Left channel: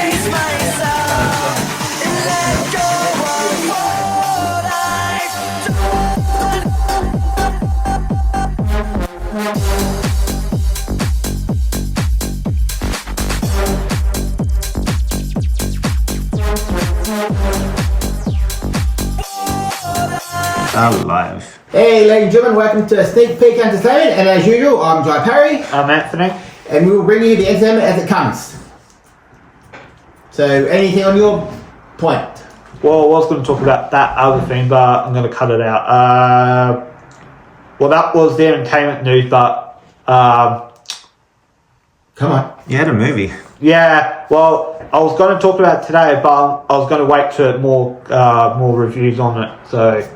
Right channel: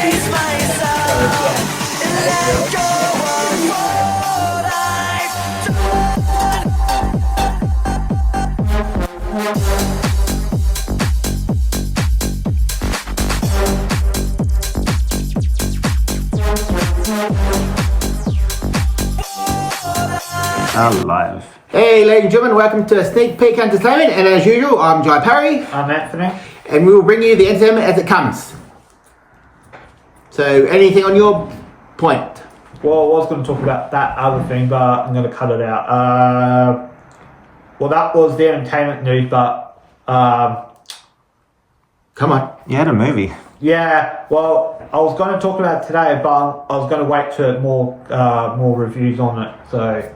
face myself and let go of what I've Alive. Hey, ladies and gentlemen, welcome to Sneak Peek Entertainment, and as usual, I'm Jai Parry, I'm Anthony. and we will bring you the entertainment as it comes. So, anything on your point? Well, I was going to talk about that other thing, but I'm going to cut it out. Well, that was the entertainment news, but Come on. You had a movie. yeah, well, I was going to talk about it today, but I was going to wait for more reviews on it, so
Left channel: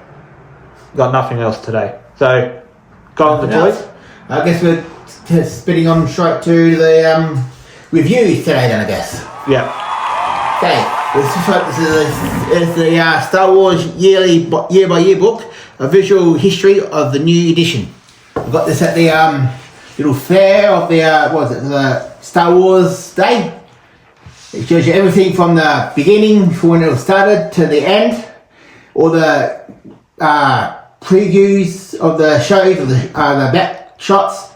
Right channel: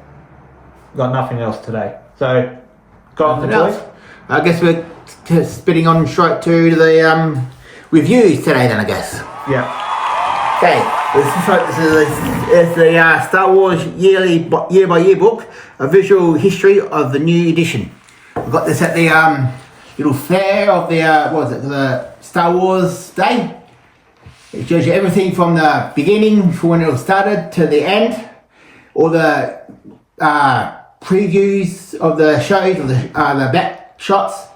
got nothing else today. So, go on the toys. I guess we're spitting on straight to the reviews today then, I guess. Yeah. Okay, this is the Star Wars yearly year-by-year book, a visual history of the new edition. I got this at the little fair of the, the Star Wars Day. It shows you everything from the beginning, from when it was started, to the end. All the previews of the shows, of the back shots,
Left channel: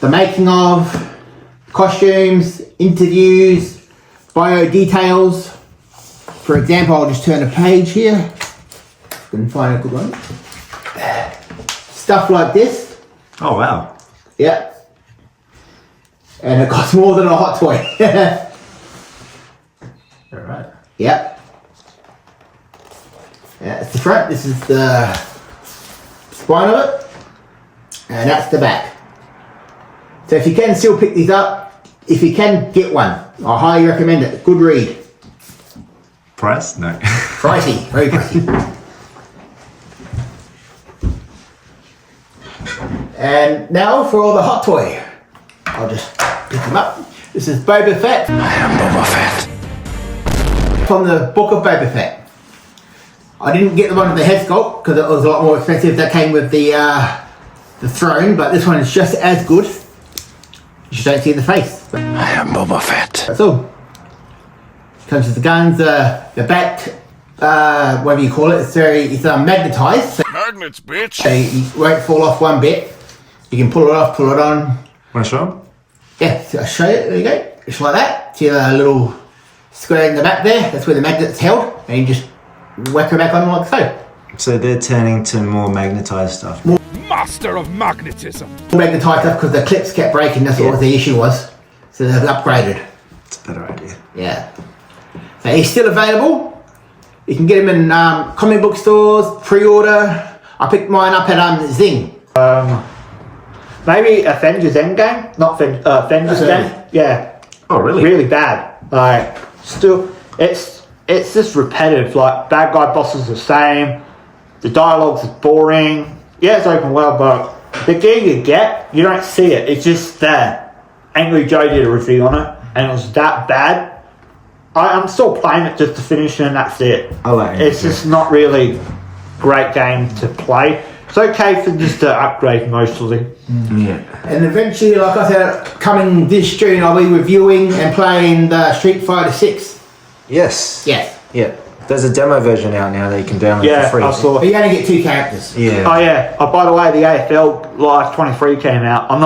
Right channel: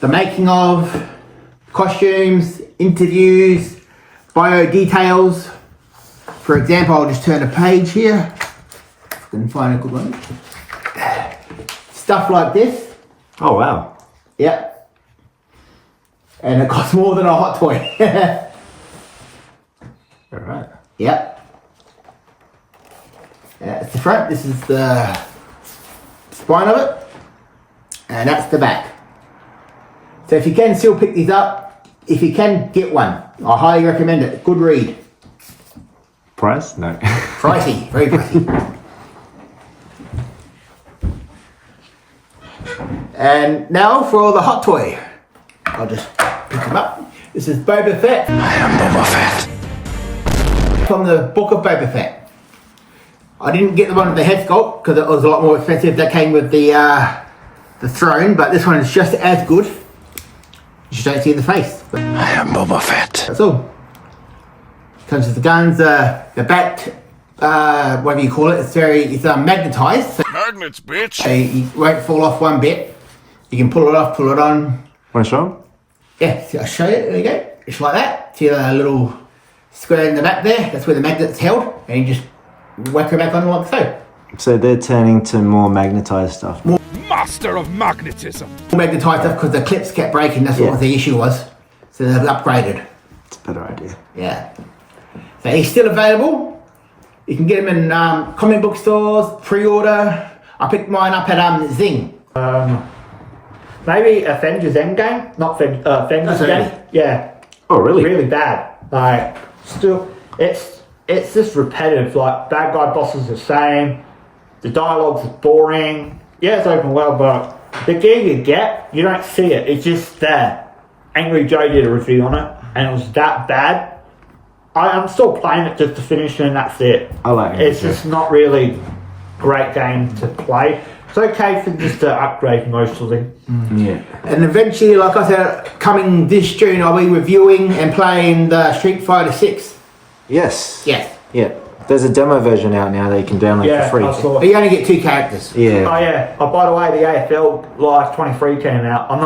the making of, costumes, interviews, bio details. For example, I'll just turn a page here. If I can find a good one. Stuff like this. Oh, wow. Yeah. And it costs more than a hot toy. All right. Yep. That's the front. This is the spine of it. And that's the back. So if you can still pick these up, if you can, get one. I highly recommend it. Good read. Price? No. Pricey. Very pricey. And now for all the hot toy. I'll just pick them up. This is Boba Fett. I am Boba Fett. From the Book of Boba Fett. I didn't get the one with the head sculpt because it was a lot more expensive. That came with the throne, but this one is just as good. You just don't see the face. But I am Boba Fett. that's all. Comes with the guns, the back, whatever you call it. It's magnetized. So Magnets, bitch. it won't fall off one bit. You can pull it off, pull it on. Want to show him? Yeah, so I'll show you. There you go. Just like that. See a little square in the back there. That's where the magnet's held. And you just whack it back on like so. So they're turning to more magnetized stuff. Master of magnetism. Magnetized stuff because the clips kept breaking. That's what the issue was. So they've upgraded. It's a better idea. Yeah. So he's still available. You can get him in comic book stores, pre-order. I picked mine up at Zing. Maybe Avengers Endgame? Not Avengers Game? Yeah. Oh, really? Really bad. Like, still, it's just repetitive. Like, bad guy bosses the same. The dialogue's boring. Yeah, it's open world, but the gear you get, you don't see it. It's just there. Angry Joe did a review on it, and it was that bad. I'm still playing it just to finish, and that's it. I like Angry It's Joe. just not really a great game to play. It's okay for just to upgrade mostly. Yeah. And eventually, like I said, coming this June, I'll be reviewing and playing the Street Fighter 6. Yes. Yes. Yeah. There's a demo version out now that you can download Yeah, for free. I saw. But you only get 2 characters. Yeah. Oh yeah. Oh, by the way, the AFL Live 23 came out. I'm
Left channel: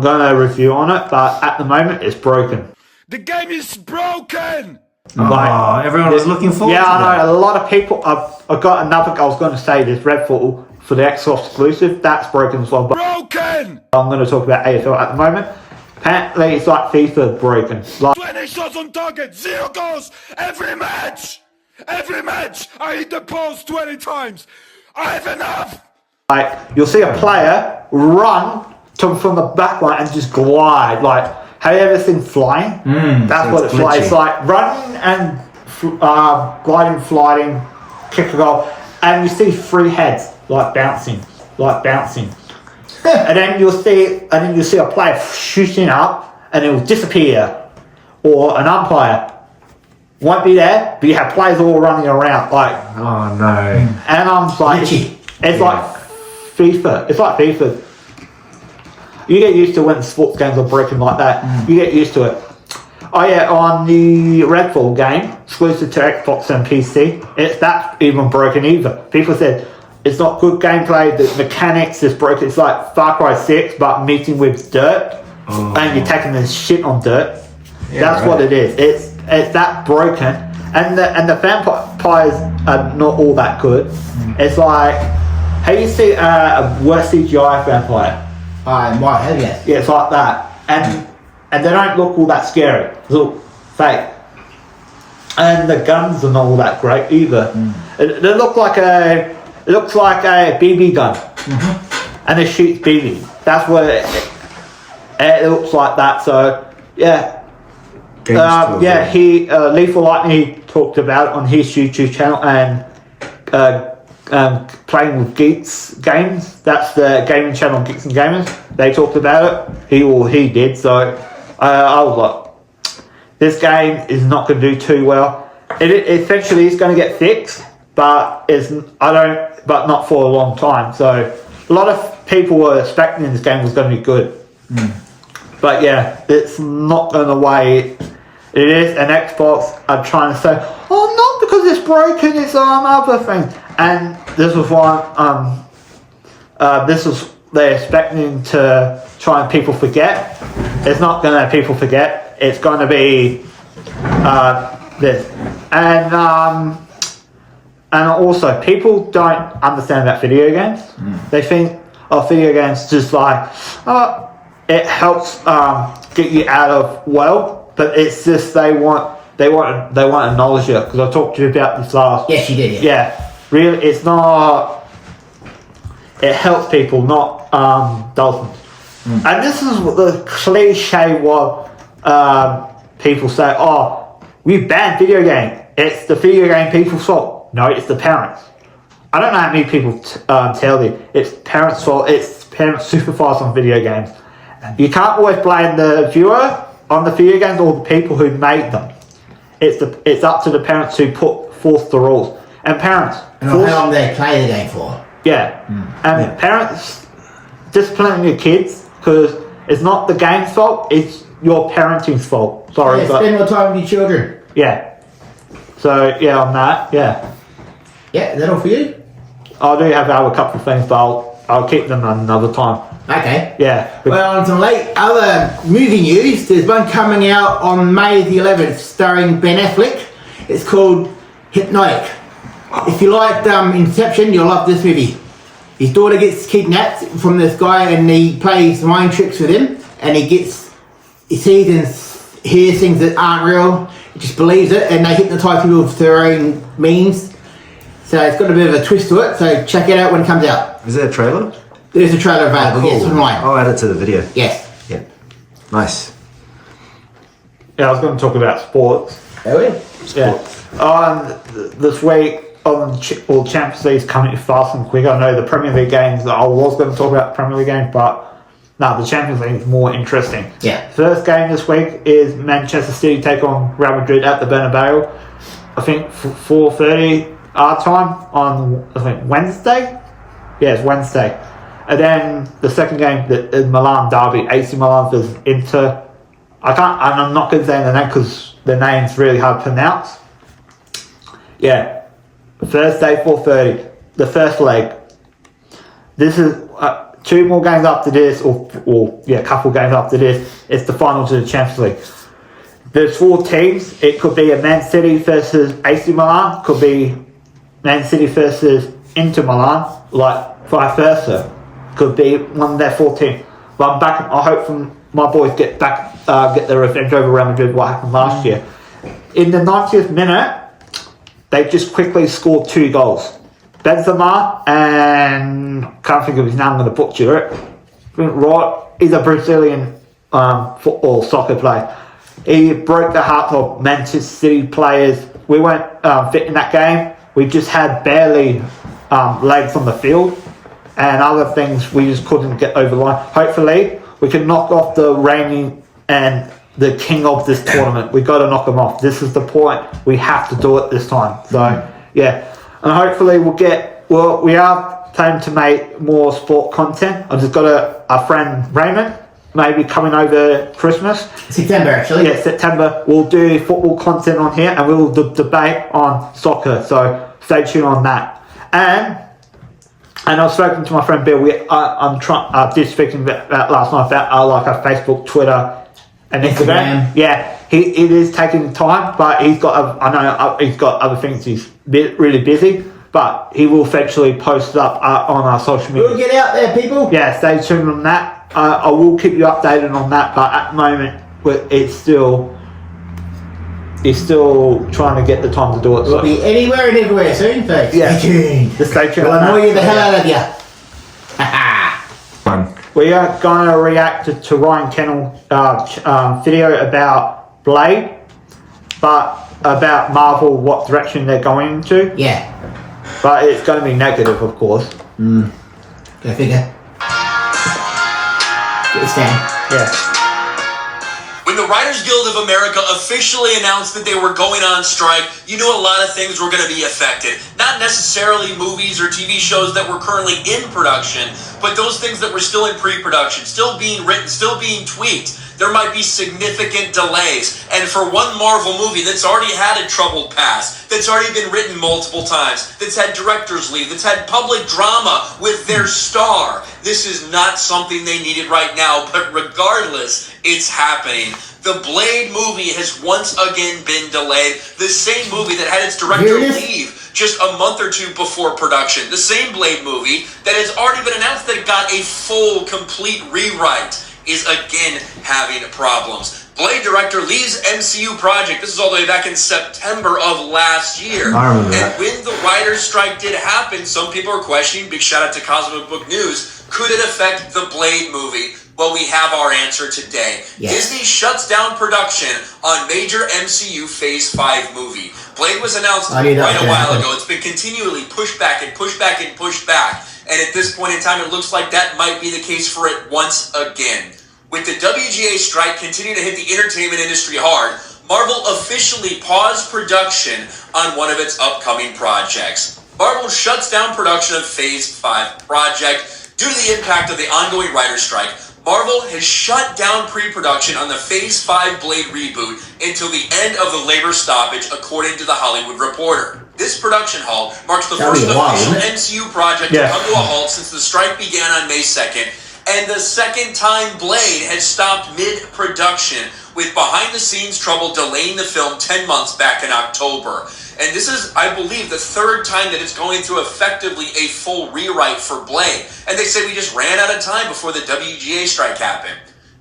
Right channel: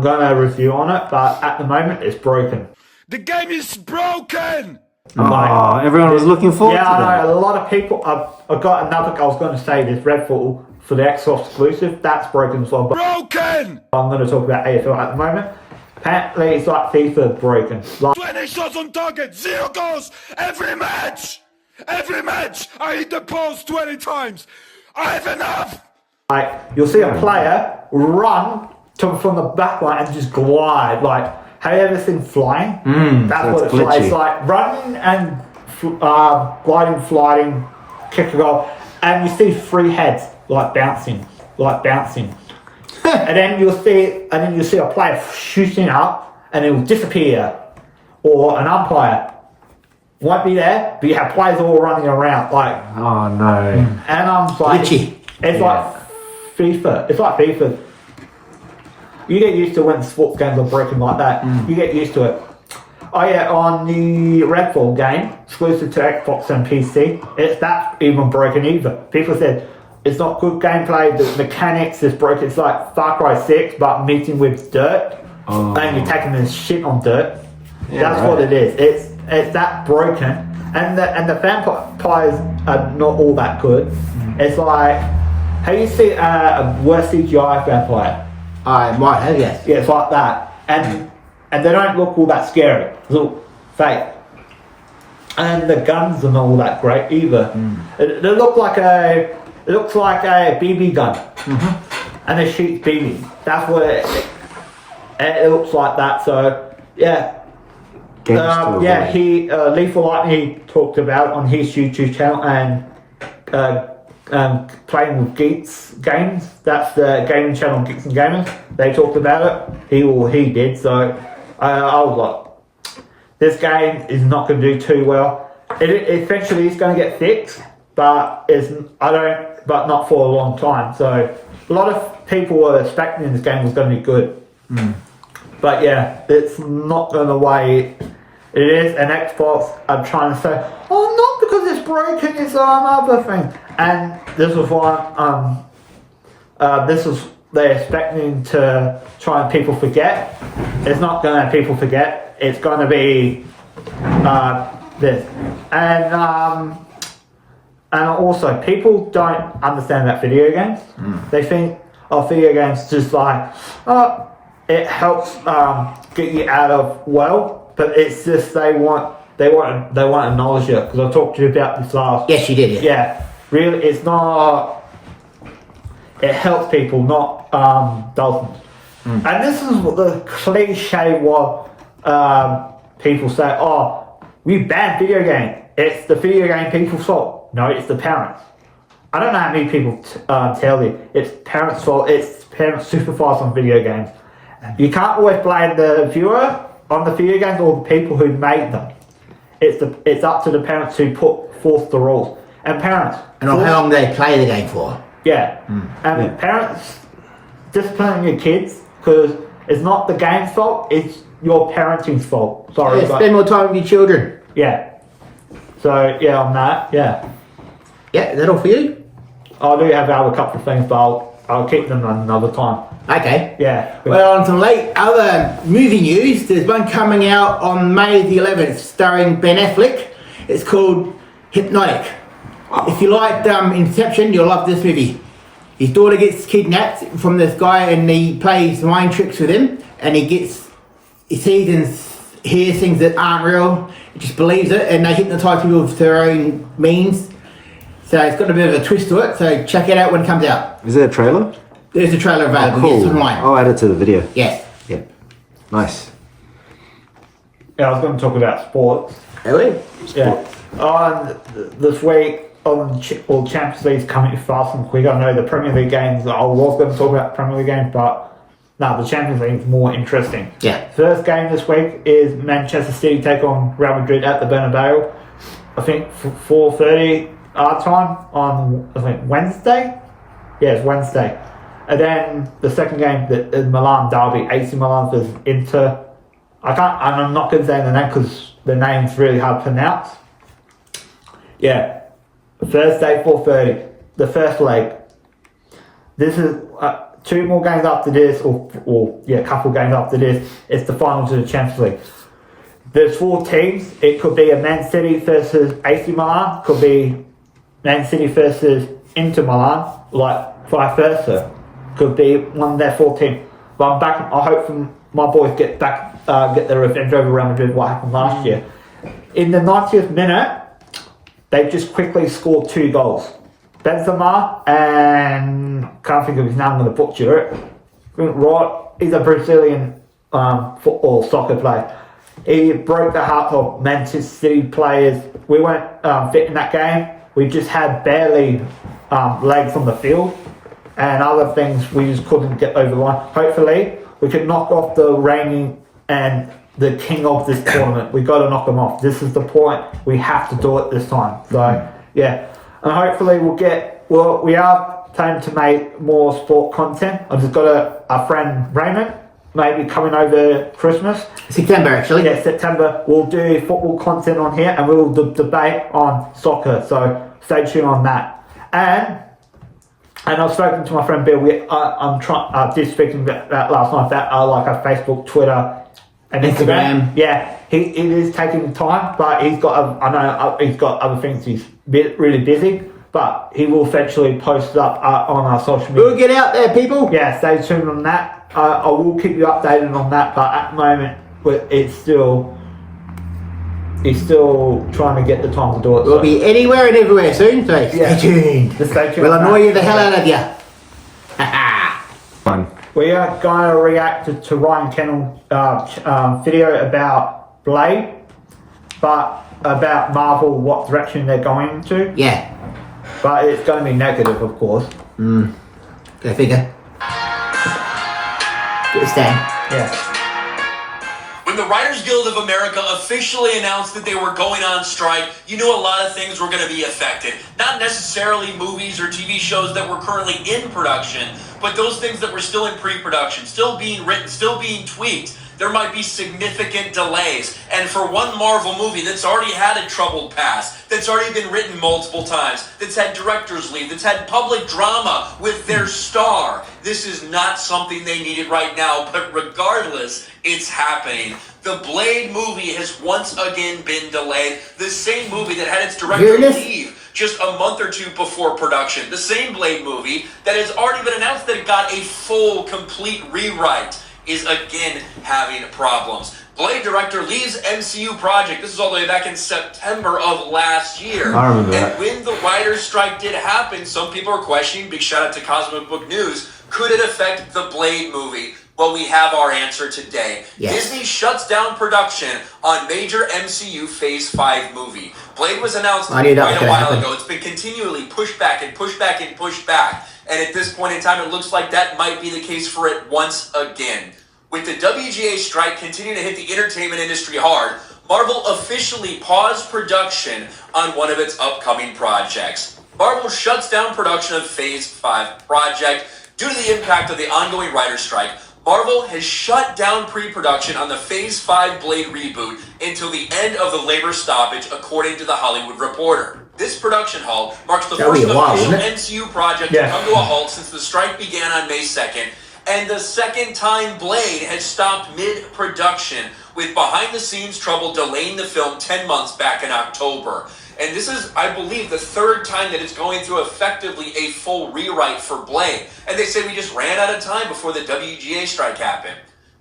gonna review on it, but at the moment it's broken. The game is broken. Oh, everyone was looking forward Yeah, to that. I know. A lot of people. I've got another. I was going to say this Redfall for the Xbox exclusive. That's broken as well. But Broken. I'm going to talk about AFL at the moment. Apparently, it's like FIFA broken. Like, 20 shots on target, 0 goals every match. Every match, I hit the post 20 times. I have enough. like you'll see a player run from the back line and just glide. Like, have you ever seen flying? That's so what it's it's like. glitchy. It's like running and gliding, flying, kick a goal, and you see 3 heads like bouncing. And then you'll see a player shooting up, and it'll disappear, or an umpire won't be there, but you have players all running around like. Oh, no. And I'm like, Glitchy. it's like FIFA. It's like FIFA. You get used to when sports games are breaking like that. You get used to it. Oh yeah, on the Redfall game, exclusive to Xbox and PC, it's that even broken either. People said it's not good gameplay, the mechanics is broken. It's like Far Cry 6, but meeting with dirt, and you're taking this shit on dirt. Yeah, That's right. what it is. It's that broken, and the vampires are not all that good. It's like, how you see a worse CGI vampire? I might have, yes. Yeah, it's like that, and they don't look all that scary. They look fake, and the guns are not all that great either. They look like it looks like a BB gun, and it shoots BB. That's what it looks like that. So yeah. Games He Lethal Lightning talked about it on his YouTube channel, and Playing with Geeks Games, that's the gaming channel, Geeks and Gamers. They talked about it. He did. So I was like, this game is not going to do too well. It essentially is going to get fixed, but but not for a long time. So a lot of people were expecting this game was going to be good. But yeah, it's not going the way it is, and Xbox are trying to say, oh, not because it's broken, it's other thing. And this was why, they're expecting to try and people forget. It's not going to people forget, it's going to be this. And also, people don't understand about video games. They think, video games just like, it helps get you out of but it's just they want to acknowledge it, because I talked to you about this last. Yes, you did. Yeah, really, it's not. It helps people, not doesn't. And this is what the cliche what people say. Oh, we banned video game. It's the video game people's fault. No, it's the parents. I don't know how many people tell you it's parents' fault. It's parents super fast on video games. You can't always blame the viewer on the video games or the people who made them. It's up to the parents who force the rules. And parents... And how long they play the game for. Yeah. And parents disciplining your kids, because it's not the game's fault, it's your parenting's fault. Sorry, Yeah, but... spend more time with your children. Yeah. So, yeah, on that, yeah. Yeah, is that all for you? I do have a couple of things, but I'll keep them another time. Okay. Yeah. Well, on some other movie news, there's one coming out on May the 11th starring Ben Affleck. It's called Hypnotic. If you liked Inception, you'll love this movie. His daughter gets kidnapped from this guy and he plays mind tricks with him, and he sees and hears things that aren't real. He just believes it, and they hypnotise people with their own means. So it's got a bit of a twist to it, so check it out when it comes out. Is there a trailer? There's a trailer available, yes, online. I'll add it to the video. Yes. Yeah. Nice. Yeah, I was going to talk about sports. There we go. Yeah. This week, Champions League's coming fast and quick. I know the Premier League games, I was going to talk about Premier League games, but no, the Champions League is more interesting. Yeah. First game this week is Manchester City take on Real Madrid at the Bernabeu. I think 4:30 our time on, I think, Wednesday? Yeah, it's Wednesday. And then the second game, the Milan derby, AC Milan versus Inter. I'm not going to say the name because the name's really hard to pronounce. Yeah, Thursday, 4:30, the first leg. This is two more games after this, or a couple games after this. It's the finals of the Champions League. There's 4 teams. It could be a Man City versus AC Milan. Could be Man City versus Inter Milan, like vice versa. Could be one of their 4 teams. But I'm back. I hope my boys get their revenge over Real Madrid. What happened last year? In the 90th minute, they just quickly scored 2 goals. Benzema and can't think of his name. I'm going to butcher it. He's a Brazilian football soccer player. He broke the hearts of Manchester City players. We weren't fit in that game. We just had barely legs on the field. And other things we just couldn't get over the line. Hopefully, we can knock off the reigning and the king of this tournament. We've got to knock them off. This is the point. We have to do it this time. So, yeah. And hopefully we are planning to make more sport content. I've just got a friend, Raymond. maybe coming over Christmas. September, actually. Yeah, September. We'll do football content on here, and we'll debate on soccer. So stay tuned on that. And I've spoken to my friend Bill. I did speak about last night about like our Facebook, Twitter, and Instagram. Yeah, it is taking time, but he's got. I know he's got other things. He's really busy, but he will eventually post it up on our social media. We'll get out there, people. Yeah, stay tuned on that. I will keep you updated on that, but at the moment, it's still trying to get the time to do it. We'll be anywhere and everywhere soon, so Yeah. stay tuned. Just stay tuned. We'll on annoy that. you the hell out of you. Fun. We are gonna react to Ryan Kennel video about Blade, but about Marvel, what direction they're going into. Yeah, But it's going to be negative, of course. go figure. Get a stand. Yeah. When the Writers Guild of America officially announced that they were going on strike, you knew a lot of things were going to be affected. Not necessarily movies or TV shows that were currently in production, but those things that were still in pre-production, still being written, still being tweaked. There might be significant delays. And for one Marvel movie that's already had a troubled past, that's already been written multiple times, that's had directors leave, that's had public drama with their star, this is not something they needed right now. But regardless, it's happening. The Blade movie has once again been delayed. The same movie that had its director leave just a month or two before production. The same Blade movie that has already been announced that it got a full, complete rewrite is again having problems. Blade director leaves MCU project. This is all the way back in September of last year. I remember And that. when the writer's strike did happen, some people are questioning, big shout out to Cosmic Book News, could it affect the Blade movie? Well, we have our answer today. Yes. Disney shuts down production on major MCU Phase 5 movie. Blade was announced I knew that quite was a gonna while happen. ago. It's been continually pushed back and pushed back and pushed back. And at this point in time, it looks like that might be the case for it once again. With the WGA strike continuing to hit the entertainment industry hard, Marvel officially paused production on one of its upcoming projects. Marvel shuts down production of Phase 5 project. Due to the impact of the ongoing writer's strike, Marvel has shut down pre-production on the Phase 5 Blade reboot until the end of the labor stoppage, according to The Hollywood Reporter. This production halt marks the That'll first be a while, official won't it? MCU project Yeah. to come to a halt since the strike began on May 2nd, and the second time Blade has stopped mid-production, with behind-the-scenes trouble delaying the film 10 months back in October. And this is, I believe, the third time that it's going through effectively a full rewrite for Blade. And they say we just ran out of time before the WGA strike happened.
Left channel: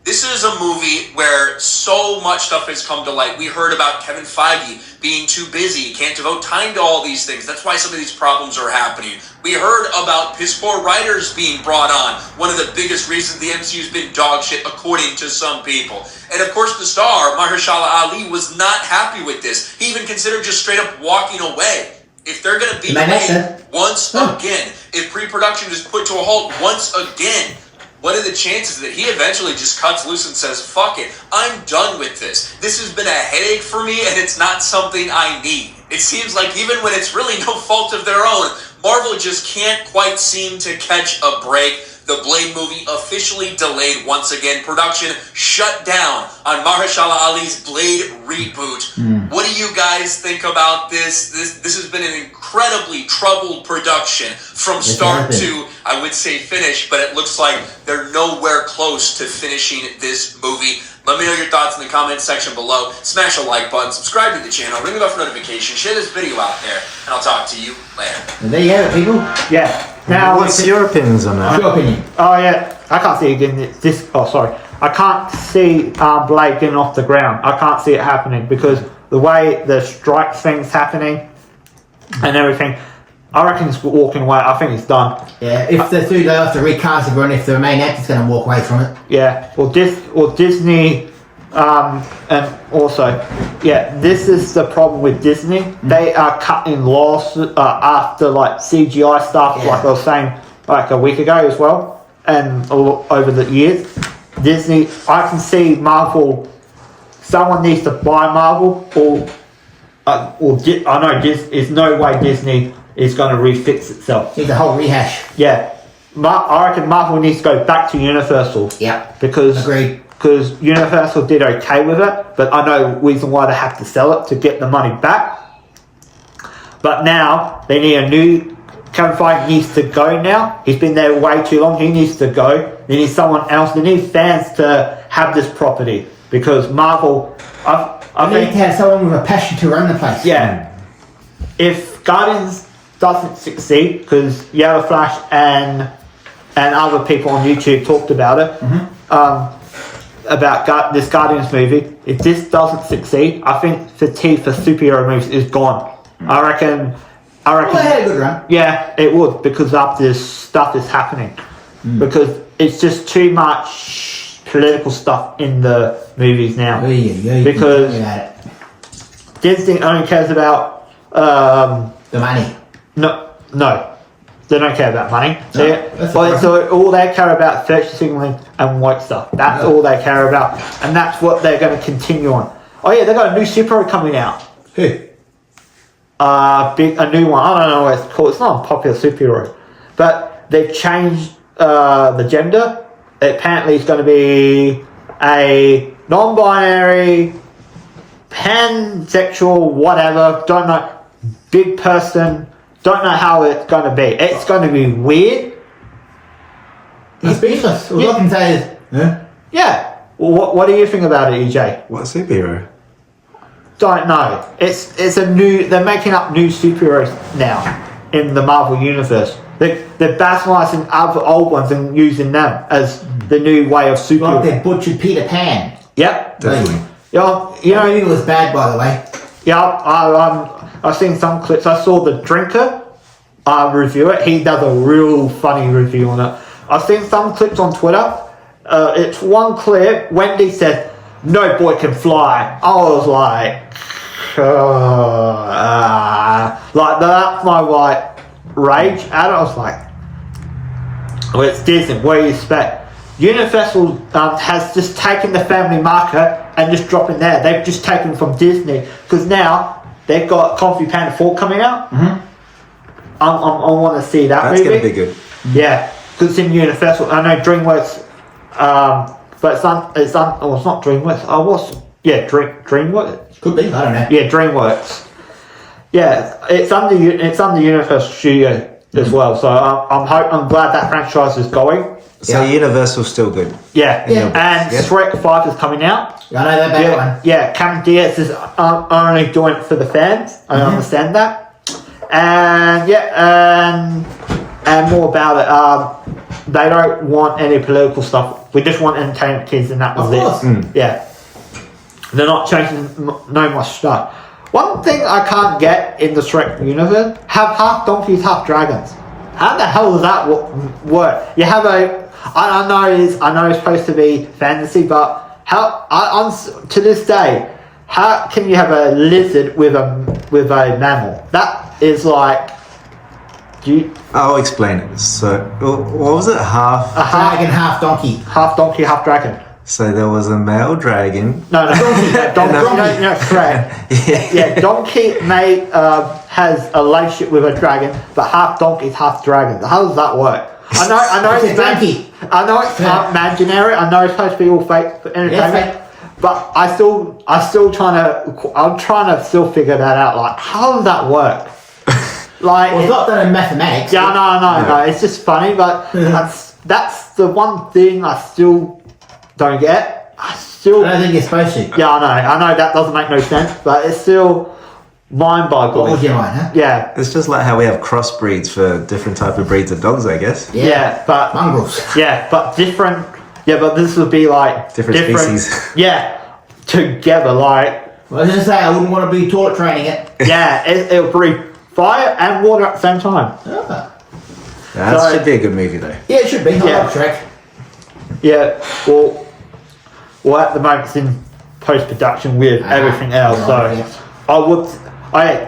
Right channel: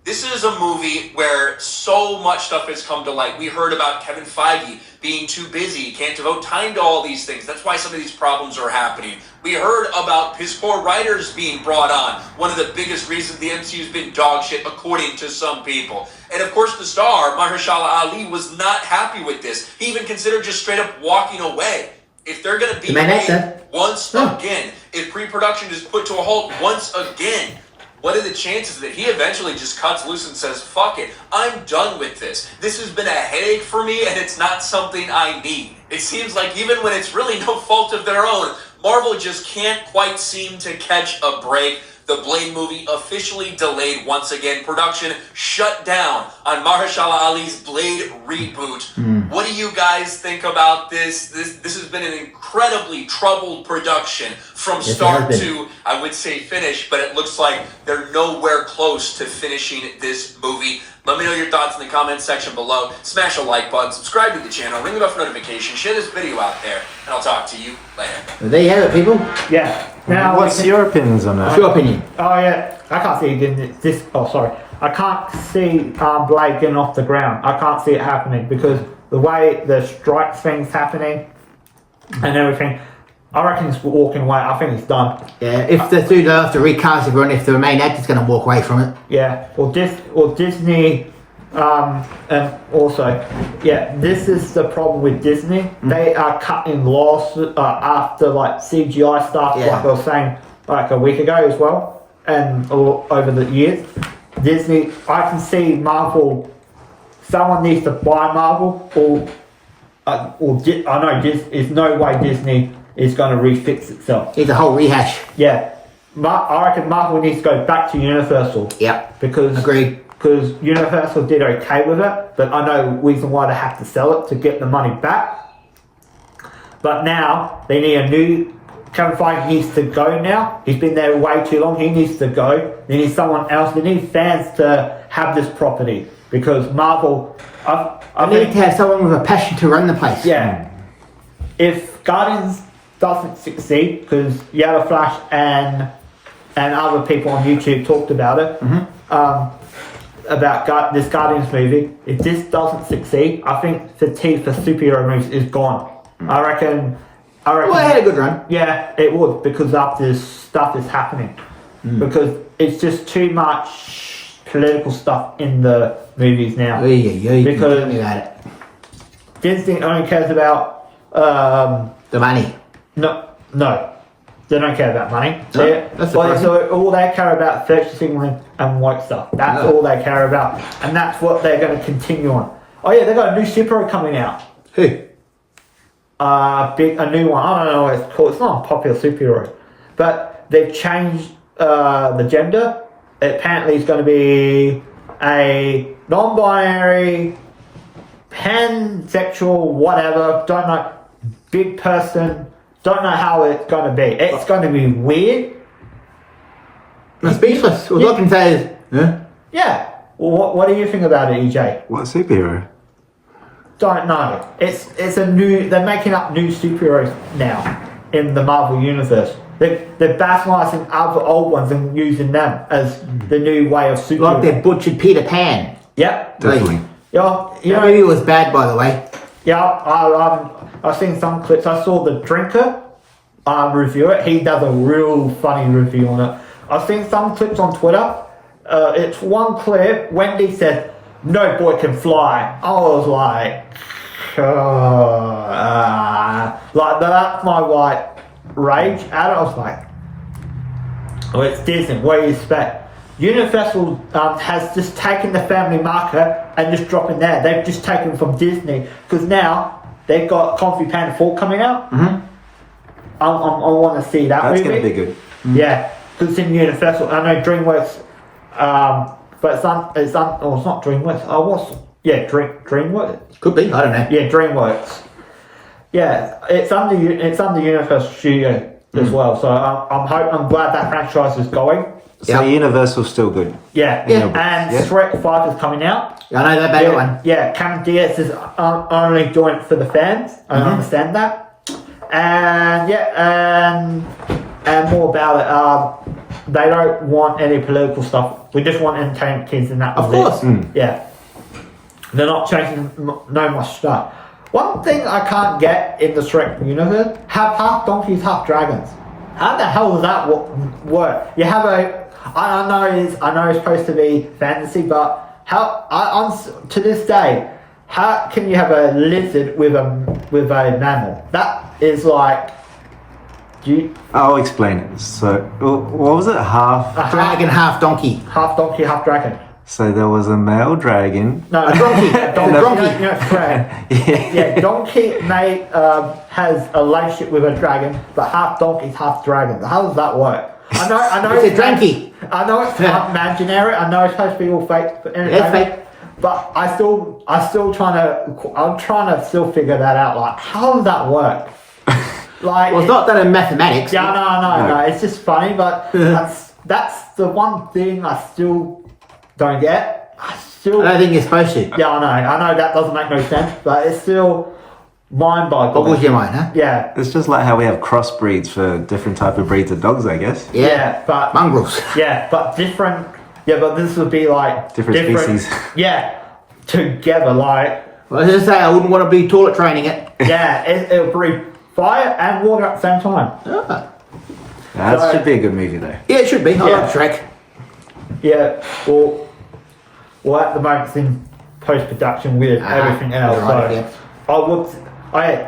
This is a movie where so much stuff has come to light. We heard about Kevin Feige being too busy, can't devote time to all these things. That's why some of these problems are happening. We heard about piss poor writers being brought on. One of the biggest reasons the MCU's been dog shit, according to some people. And of course, the star, Mahershala Ali, was not happy with this. He even considered just straight up walking away. If they're going to be delayed once again, if pre-production is put to a halt once again, what are the chances that he eventually just cuts loose and says, fuck it, I'm done with this. This has been a headache for me and it's not something I need. It seems like even when it's really no fault of their own, Marvel just can't quite seem to catch a break. The Blade movie officially delayed once again. Production shut down on Mahershala Ali's Blade reboot. What do you guys think about this? This has been an incredibly troubled production from start to, I would say, finish, but it looks like they're nowhere close to finishing this movie. Let me know your thoughts in the comments section below. Smash a like button, subscribe to the channel, ring the bell for notifications, share this video out there, and I'll talk to you later. Well, there you have it, people. Yeah. Now, What's your opinions on What's that? your opinion? Oh yeah, I can't see it getting this. Oh sorry, I can't see Blade getting off the ground. I can't see it happening because the way the strike thing's happening and everything, I reckon it's walking away. I think it's done. Yeah, if the two have to recast everyone, if the main actor's going to walk away from it. Yeah, or Disney, and also, yeah, this is the problem with Disney. They are cutting loss after like CGI stuff, Yeah. like I was saying like a week ago as well, and over the years. Disney, I can see Marvel. Someone needs to buy Marvel, I know there's no way Disney is going to refix itself. It's a whole rehash. Yeah, I reckon Marvel needs to go back to Universal. Yeah. Because Agreed. Because Universal did okay with it, but I know the reason why they have to sell it to get the money back. But now they need a new. Kevin Feige needs to go now. He's been there way too long. He needs to go. They need someone else. They need fans to have this property because Marvel. I need think to have someone with a passion to run the place. yeah. If Guardians doesn't succeed, because Yellow Flash and other people on YouTube talked about it, about this Guardians movie. If this doesn't succeed, I think fatigue for superhero movies is gone. I reckon. Well, it had a good run. Yeah, it would because of this stuff is happening. Because it's just too much political stuff in the movies now. Because Disney only cares about the money. no, they don't care about money. So, No, so all they care about is signaling and white stuff. That's all they care about, and that's what they're going to continue on. Oh yeah, they got a new superhero coming out. Who? A new one. I don't know what it's called. It's not a popular superhero, but they've changed the gender. Apparently, it's going to be a non-binary, pansexual, whatever. Don't know. Big person. Don't know how it's going to be. It's going to be weird. He's speechless. All I can say is, yeah. Yeah. Well, what do you think about it, EJ? What superhero? Don't know. It's a new. They're making up new superheroes now in the Marvel universe. They're bastardizing other old ones and using them as the new way of superhero. Like that butchered Peter Pan. Yep. Definitely. Yeah. You know, movie was bad, by the way. Yeah. I've seen some clips. I saw the Drinker review it. He does a real funny review on it. I've seen some clips on Twitter. It's one clip. Wendy said, "No boy can fly." I was like, like that's my rage at it. I was like, well, it's Disney. What do you expect? Universal has just taken the family market and just dropping there. They've just taken from Disney because now they've got Kung Fu Panda 4 coming out. I want to see that. That's movie. going to be good. Yeah, because it's in Universal. I know DreamWorks, but it's not DreamWorks. DreamWorks. Could be, I don't know. Yeah, DreamWorks. Yeah, it's under Universal Studio as well. So I'm glad that franchise is going. So Universal's still good. Yeah, Yeah. and Yeah. Shrek 5 is coming out. I know that bad one. Yeah, Cameron Diaz is only doing it for the fans. I understand that. And and more about it. They don't want any political stuff. We just want entertainment kids, and that was Of course. it. Yeah, they're not changing no more stuff. One thing I can't get in the Shrek universe: have half donkeys, half dragons. How the hell does that work? You have I know it's supposed to be fantasy, but how to this day, how can you have a lizard with a mammal? That is like, I'll explain it. So, what was it? Half. Dragon, half donkey. half donkey, half dragon. So there was a male dragon. No, donkey has a relationship with a dragon, but half donkey, half dragon. How does that work? I know It's a donkey. I know it's imaginary. I know it's supposed to be all fake for entertainment, but I'm trying to still figure that out. Like, how does that work? Like, Well, it's not done in mathematics. yeah, no. It's just funny, but that's the one thing I still don't get. I don't think you're supposed to. Yeah, I know that doesn't make no sense, but it's still What mind-boggling. was your mind, huh? Yeah, It's just like how we have crossbreeds for different type of breeds of dogs, I guess. but Mongrels. but different. Yeah, but this would be like Different species. Yeah, together, like Well, I was just say I wouldn't want to be toilet training it. yeah, it would breathe fire and water at the same time. That So- should be a good movie, though. Yeah, it should be. I Yeah. love Shrek. Yeah, well, at the moment it's in post-production with everything else. Yeah, So yes. I would.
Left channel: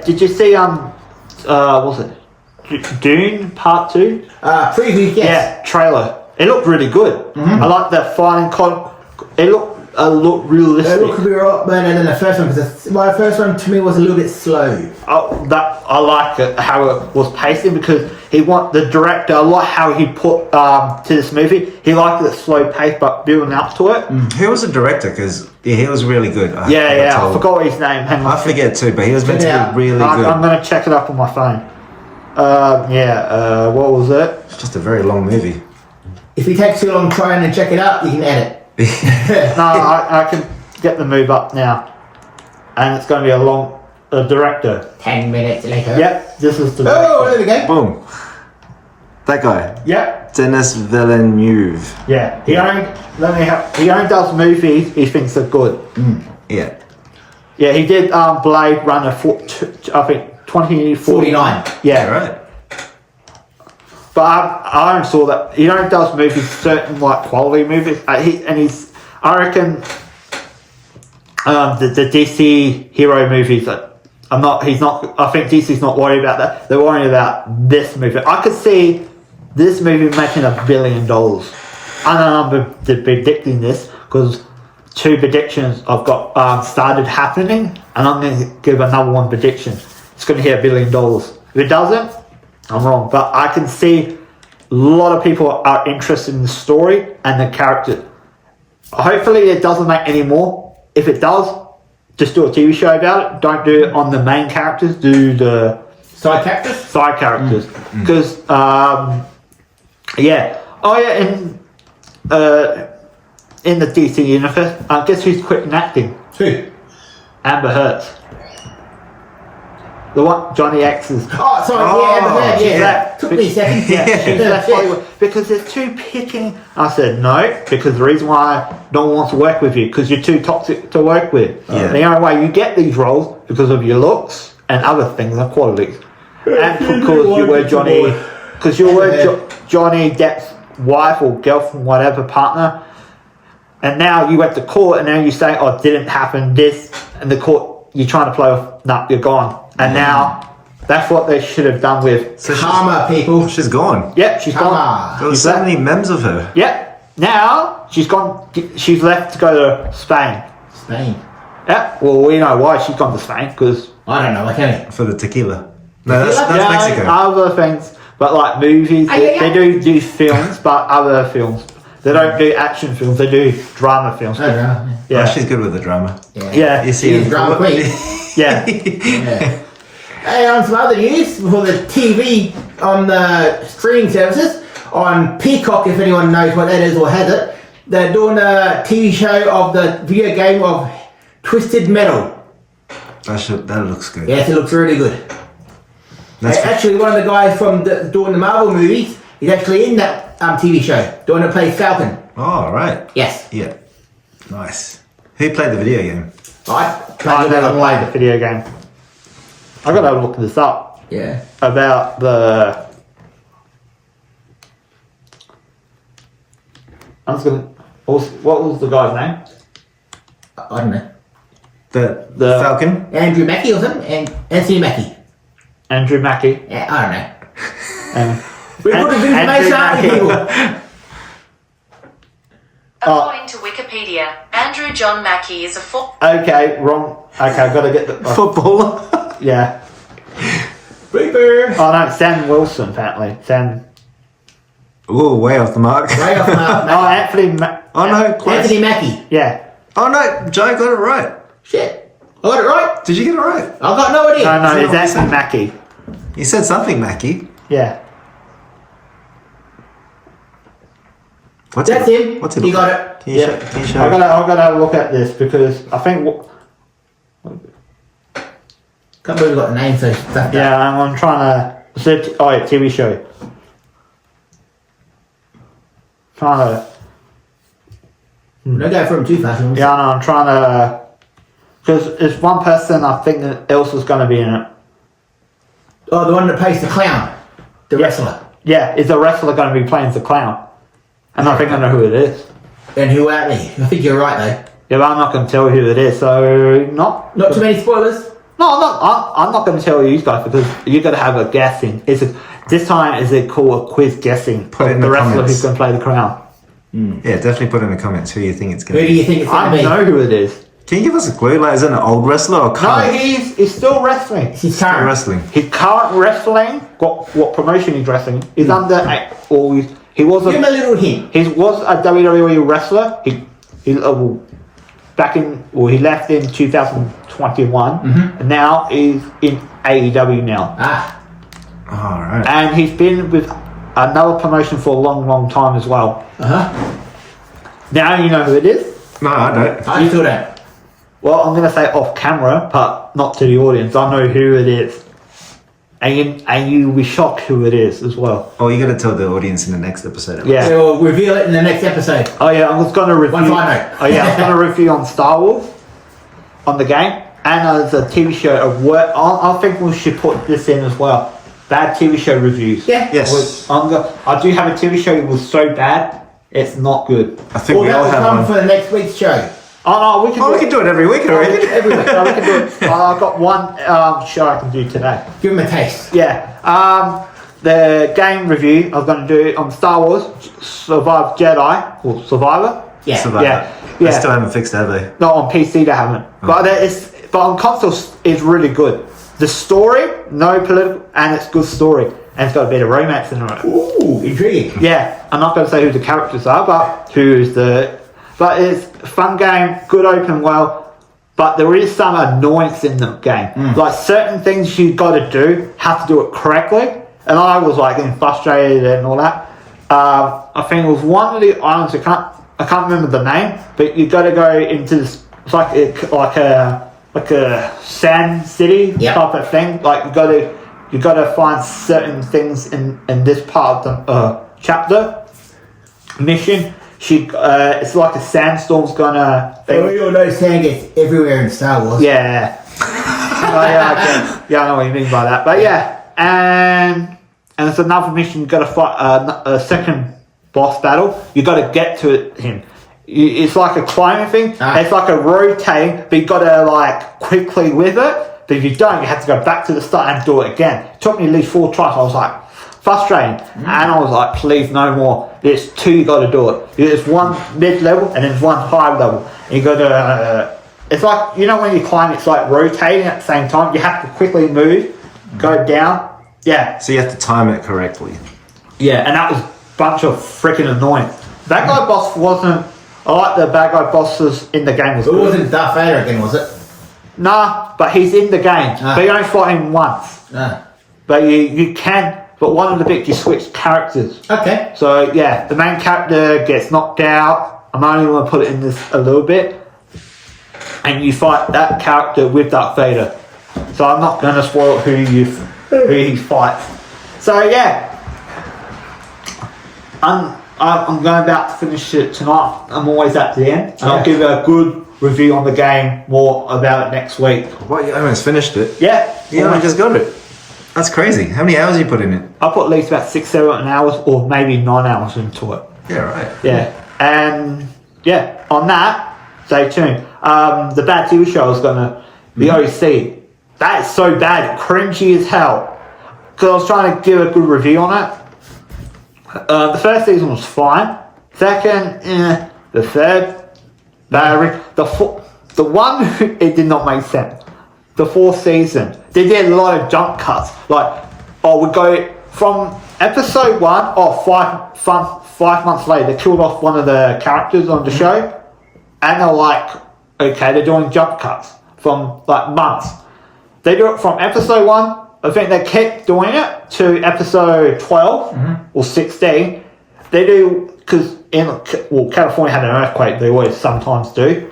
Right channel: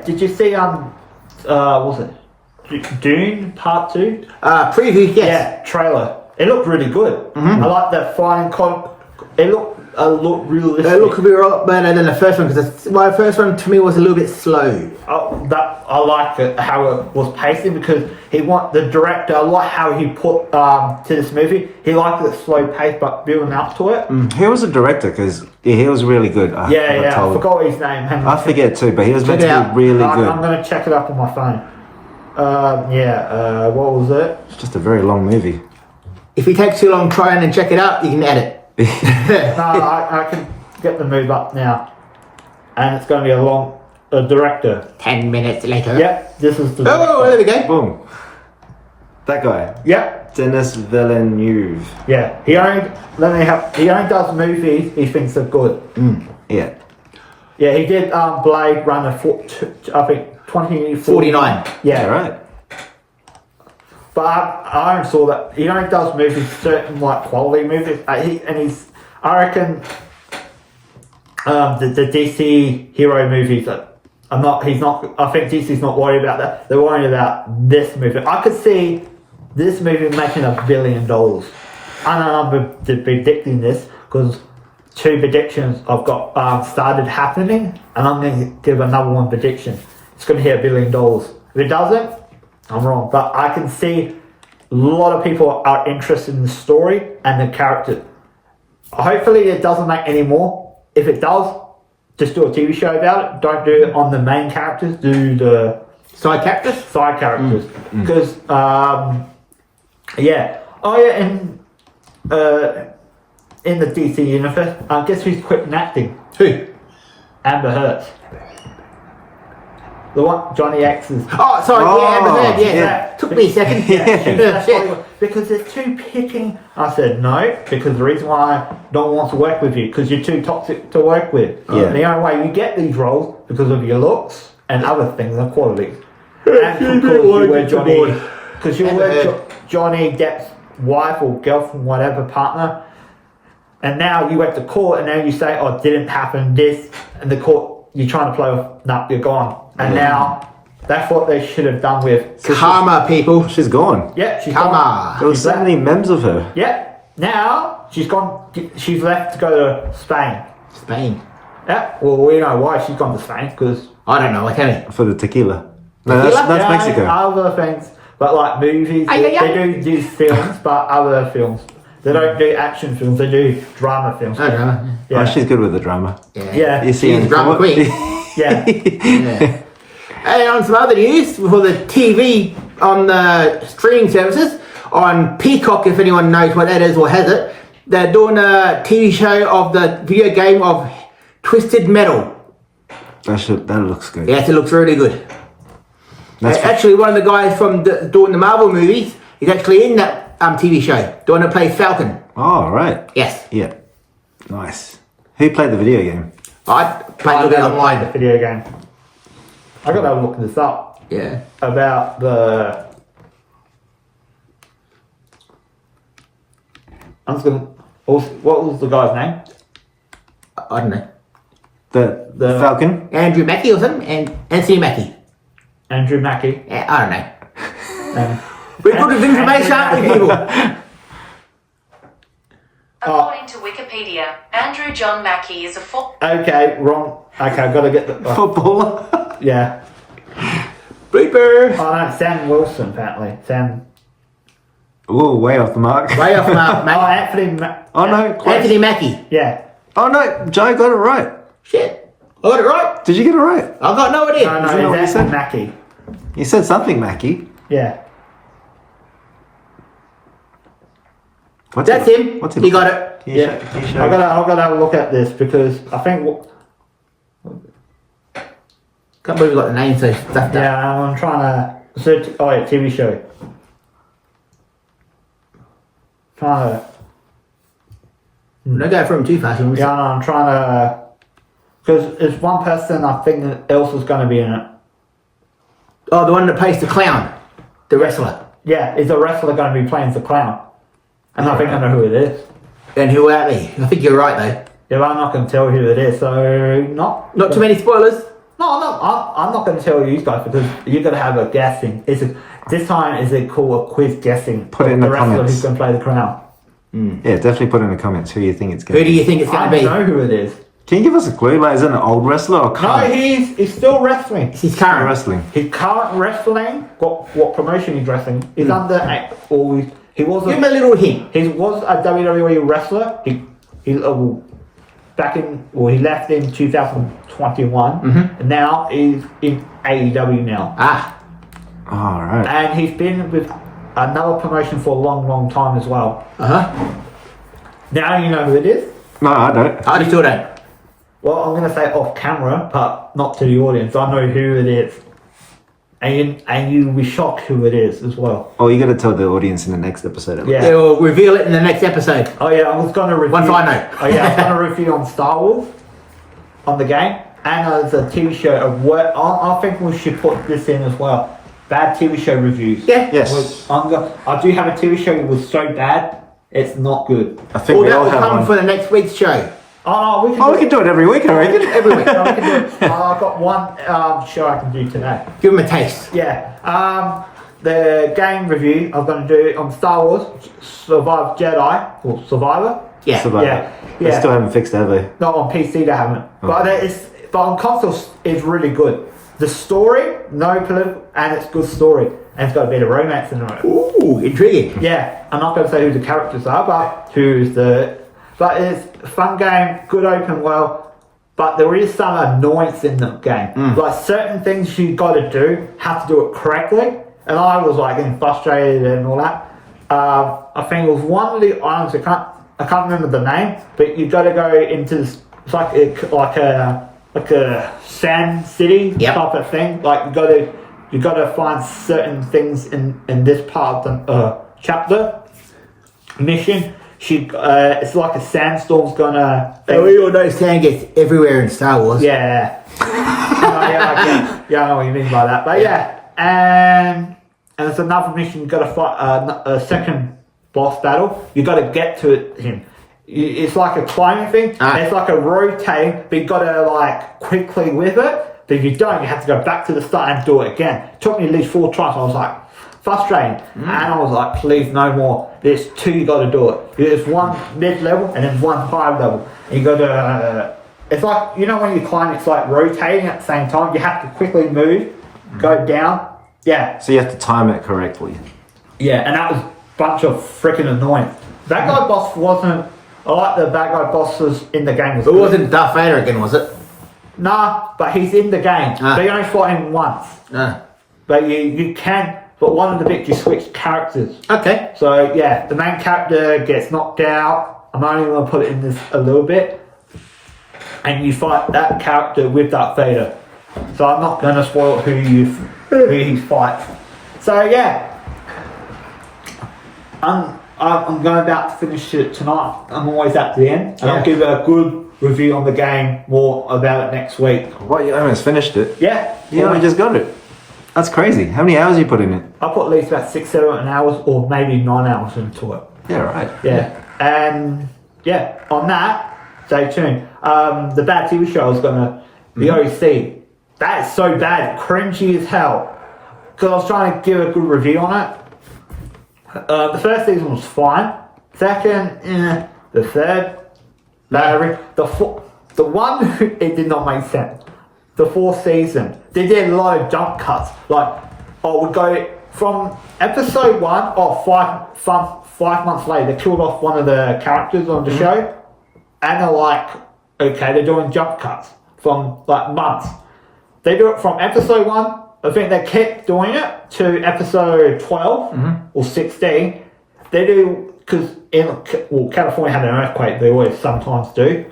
Did you see what was it Dune Part 2? Preview, yes. Yeah, trailer. It looked really good. I like the flying look realistic. They look a bit better than the first one because my first one to me was a little bit slow. I like it how it was pacing because the director. I like how he put to this movie. He liked it slow pace but building up to it. Who was the director? Because he was really good. I forgot his name. Hang on. I forget too, but he was meant to be really good. I'm going to check it up on my phone. What was it? It's just a very long movie. If it takes too long trying to check it out, you can edit. No, I can get the move up now, and it's going to be a director. 10 minutes later. Yep, this is the director. Oh, there we go. Boom. That guy. Yep. Denis Villeneuve. Yeah, he only does movies he thinks are good. Yeah. Yeah, he did Blade Runner I think 2049. Yeah, Right. but I only saw that he only does movies, certain like quality movies. I reckon the DC hero movies. I think DC's not worried about that. They're worried about this movie. I could see this movie making $1 billion. I don't know if I'm predicting this because 2 predictions I've got started happening, and I'm going to give another one prediction. It's going to hit $1 billion. If it doesn't, I'm wrong. But I can see a lot of people are interested in the story and the character. Hopefully it doesn't make any more. If it does, just do a TV show about it. Don't do it on the main characters. Do the Side characters? side characters. Because, in the DC universe, guess who's quitting acting? Who? Amber Heard. The one, Johnny X's. Oh, sorry, Took me a second. She's left Hollywood because they're too picking. I said no, because the reason why no one wants to work with you because you're too toxic to work with. Yeah. The only way you get these roles because of your looks and other things and qualities. And because you were Johnny Depp's wife or girlfriend, whatever partner, and now you went to court and now you say, "Oh, it didn't happen." This and the court, you're trying to play off. Nah, you're gone. And now that's what they should have done with Karma, people. She's gone. Yep, she's Karma. gone. There was so many memes of her. Yep. Now she's gone. She's left to go to Spain. Spain. Yep. Well, we know why she's gone to Spain because I don't know, can it? For the tequila. No, that's Mexico. Other things, but like movies, they do films, but other films. They don't do action films. They do drama films. I don't know. Yeah. Oh, she's good with the drama. Yeah. You see, She's drama queen. Yeah. Yeah. And on some other news for the TV on the streaming services on Peacock, if anyone knows what that is or has it, they're doing a TV show of the video game of Twisted Metal. That looks good. Yes, it looks really good. That's Actually, one of the guys from doing the Marvel movies is actually in that TV show, doing to play Falcon. Oh, right. Yes. Yeah. Nice. Who played the video game? I played that online. The video game. I gotta look this up Yeah. about the. I'm just gonna. What was the guy's name? I don't know. The Falcon? Andrew Mackie or something? And Anthony Mackie. Andrew Mackie. Yeah, I don't know. And We're looking for information, aren't we, people? According to Wikipedia, Andrew John Mackie is a okay, wrong. Okay, I've got to get the Footballer? yeah. Bleeper. Oh no, Sam Wilson apparently. Sam. Ooh, way off the mark. Way off the mark, Oh, Mackie. Anthony. Oh, no, close. Anthony Mackie. Yeah. Oh, no, Joe got it right. Shit. I got it right. Did you get it right? I've got no idea. No, Is it's that Anthony what Mackie. You said something, Mackie. Yeah. What's That's it, him. What's He look got like? it. Can you Yeah. show, can you show I gotta have a look at this because I think. Can't believe we got the name so stuff. Yeah, I'm trying to. Oh, yeah, TV show. Trying to. Don't go for him too fast. Yeah, no, I'm trying to. Because it's one person I think that else was going to be in it. Oh, the one that plays the clown. The wrestler. Yeah, is a wrestler going to be playing the clown? And I think I know who it is. And who are they? I think you're right, though. Yeah, but I'm not going to tell you who it is, so not Not too many spoilers. No, I'm not going to tell you guys because you're going to have a guessing. This time is it called a quiz guessing? Put it in the the wrestler comments. who's going to play the crown. Yeah, definitely put in the comments who you think it's going Who to do be. you think it's I going to be? don't know who it is. Can you give us a clue? Like, is it an old wrestler or No, current he's still wrestling. He's current. wrestling? His current wrestling, what promotion he's wrestling? He's under, or he was Give him a little hint. he was a WWE wrestler. He he left in 2021, and now he's in AEW now. Ah, All right. And he's been with another promotion for a long, long time as well. Now you know who it is. No, I don't. I still don't. Well, I'm going to say off camera, but not to the audience. I know who it is. And you'll be shocked who it is as well. Oh, you got to tell the audience in the next episode. at Yeah. least. We'll reveal it in the next episode. Oh yeah, I was going to review. Once I know. Oh yeah, I'm going to review on Star Wars, on the game, and as a TV show of work. I think we should put this in as well. Bad TV show reviews. Yeah. Yes. I do have a TV show that was so bad, it's not good. I think we that all will have come one. for the next week's show. Oh no, we can. Oh, we can do it every week, I reckon. Every week. No, we can do it. I've got one show I can do today. Give him a taste. Yeah. The game review I'm going to do on Star Wars Survive Jedi or Survivor. Yeah. Survivor. Yeah. They Yeah. still haven't fixed it, have they? Not on PC, they haven't. But on consoles, it's really good. The story, no political, and it's good story, and it's got a bit of romance in it. Ooh, intriguing. Yeah, I'm not going to say who the characters are, but But it's a fun game, good open world. But there is some annoyance in the game. Like certain things you got to do, have to do it correctly, and I was like getting frustrated and all that. I think it was one of the islands. I can't remember the name, but you got to go into this. It's like a sand city type of thing. Like you got to find certain things in this part of the chapter mission. It's like a sandstorm's gonna. We all know sand gets everywhere in Star Wars. Yeah. Yeah, I know what you mean by that. But yeah, and it's another mission. You got to fight a second boss battle. You got to get to him. It's like a climbing thing. It's like a rotating, but you got to like quickly with it. But if you don't, you have to go back to the start and do it again. It took me at least 4 tries. I was like frustrated, and I was like, please no more. There's 2 you got to do it. There's one mid level and then one high level. You got to. It's like, you know, when you climb, it's like rotating at the same time. You have to quickly move, go down. Yeah. So you have to time it correctly. Yeah, and that was a bunch of freaking annoying. Bad guy boss wasn't. I like the bad guy bosses in the game. It wasn't Darth Vader again, was it? Nah, but he's in the game. But you only fight him once. But you can. But one of the bits, you switch characters. Okay. So yeah, the main character gets knocked out. I'm only going to put it in this a little bit. And you fight that character with Darth Vader. So I'm not going to spoil who he fights. So yeah, I'm going about to finish it tonight. I'm always at the end. And I'll give a good review on the game, more about it next week. What, you almost finished it? Yeah. You only just got it. That's crazy. How many hours you put in it? I put at least about 6-7 hours or maybe 9 hours into it. Yeah, right. Yeah. And yeah, on that, stay tuned. The bad TV show is gonna the OC. That is so bad, cringy as hell. Because I was trying to give a good review on it. The first season was fine. Second, the third, the one it did not make sense. The 4th season, they did a lot of jump cuts. Like, we go from episode 1, 5 months later, they killed off one of the characters on the show, and they're like, okay, they're doing jump cuts from like months. They do it from episode 1. I think they kept doing it to episode 12 or 16. They do, because California had an earthquake. They always sometimes do.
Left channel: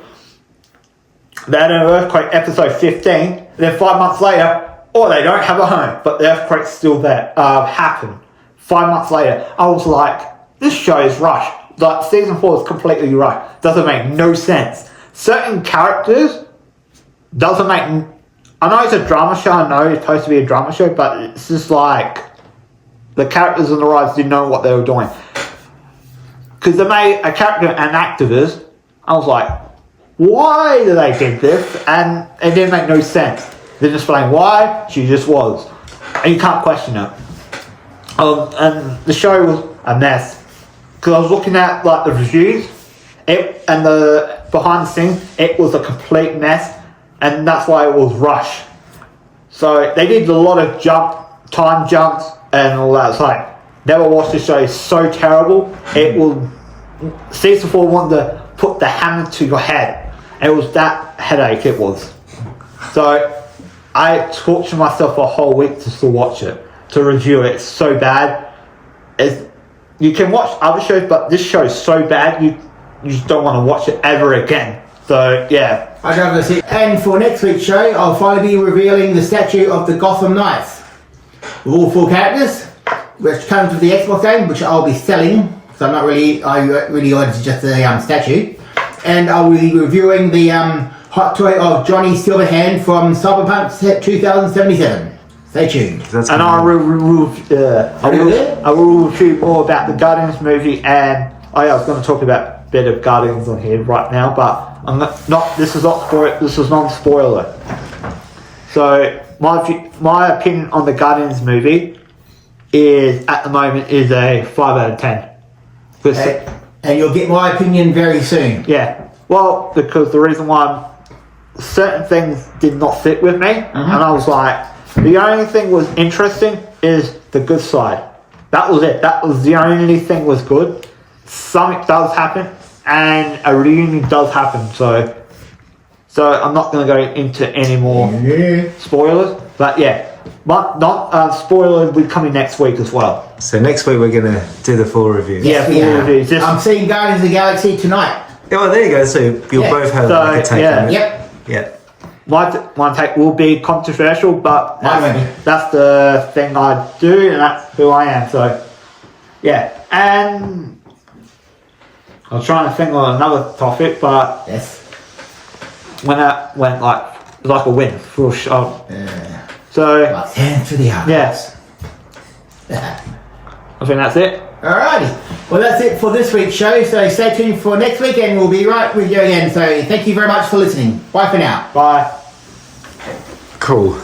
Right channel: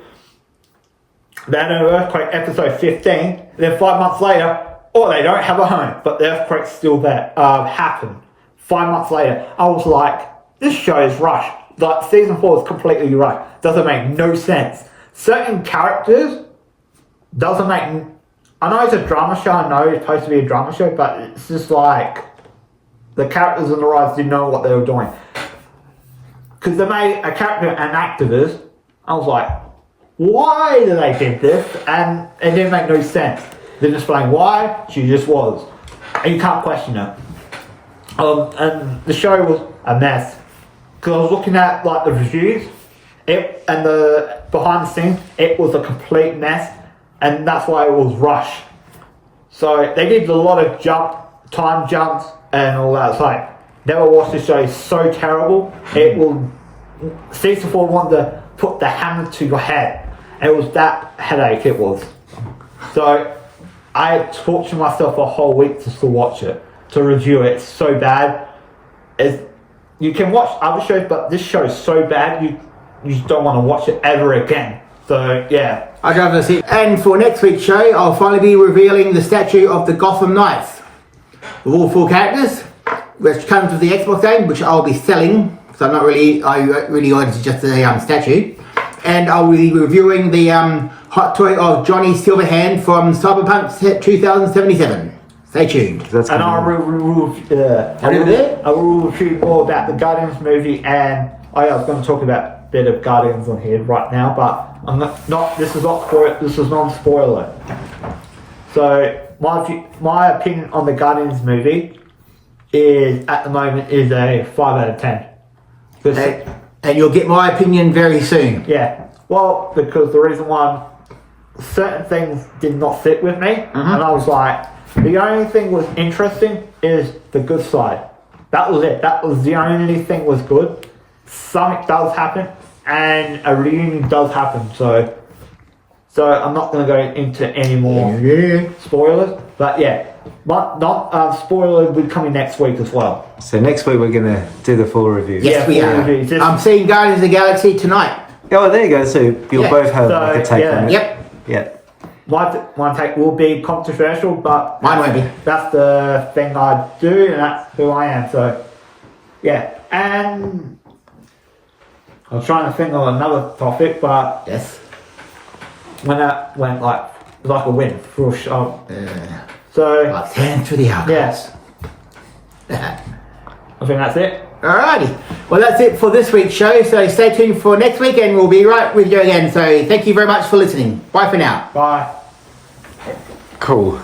They had an earthquake episode 15. Then 5 months later, they don't have a home, but the earthquake's still there. Happened 5 months later. I was like, this show is rushed. Like season 4 is completely rushed. Doesn't make no sense. Certain characters doesn't make. I know it's a drama show. I know it's supposed to be a drama show, but it's just like the characters and the writers didn't know what they were doing. Because they made a character an activist. I was like, why did they do this? And it didn't make no sense. They didn't explain why. She just was. And you can't question it. And the show was a mess. because I was looking at like the reviews, and the behind the scenes, it was a complete mess, and that's why it was rushed. So they did a lot of time jumps and all that. It's like, never watched this show. It's so terrible. It will. Season 4 wanted to put the hammer to your head. It was that headache. It was. So I tortured myself a whole week just to watch it, to review it. It's so bad. You can watch other shows, but this show is so bad you just don't want to watch it ever again. So yeah. I don't know if that's it. And for next week's show, I'll finally be revealing the statue of the Gotham Knights with all 4 characters, which comes with the Xbox game, which I'll be selling. So I really wanted just a statue. And I'll be reviewing the hot toy of Johnny Silverhand from Cyberpunk 2077. Stay tuned. That's And I will review more about the Guardians movie, and I was going to talk about a bit of Guardians on here right now, but I'm not. This is non-spoiler. So my opinion on the Guardians movie is at the moment is a 5 out of 10. And you'll get my opinion very soon. Yeah. Well, because the reason why certain things did not fit with me, and I was like, the only thing was interesting is the good side. That was it. That was the only thing was good. Something does happen, and a reunion does happen. So I'm not going to go into any more spoilers. But yeah, spoiler will be coming next week as well. So next week we're going to do the full review. Yes, we are. I'm seeing Guardians of the Galaxy tonight. Oh, well, there you go. So you'll both have like a take on it. Yep. Yeah. My take will be controversial, but Mine won't be. that's the thing I do, and that's who I am. So yeah, and I was trying to think of another topic, but Yes. when that went like a win for a shot. So Hands to the house. yes, I think that's it. Alrighty. Well, that's it for this week's show. So stay tuned for next week, and we'll be right with you again. So thank you very much for listening. Bye for now. Bye. Cool.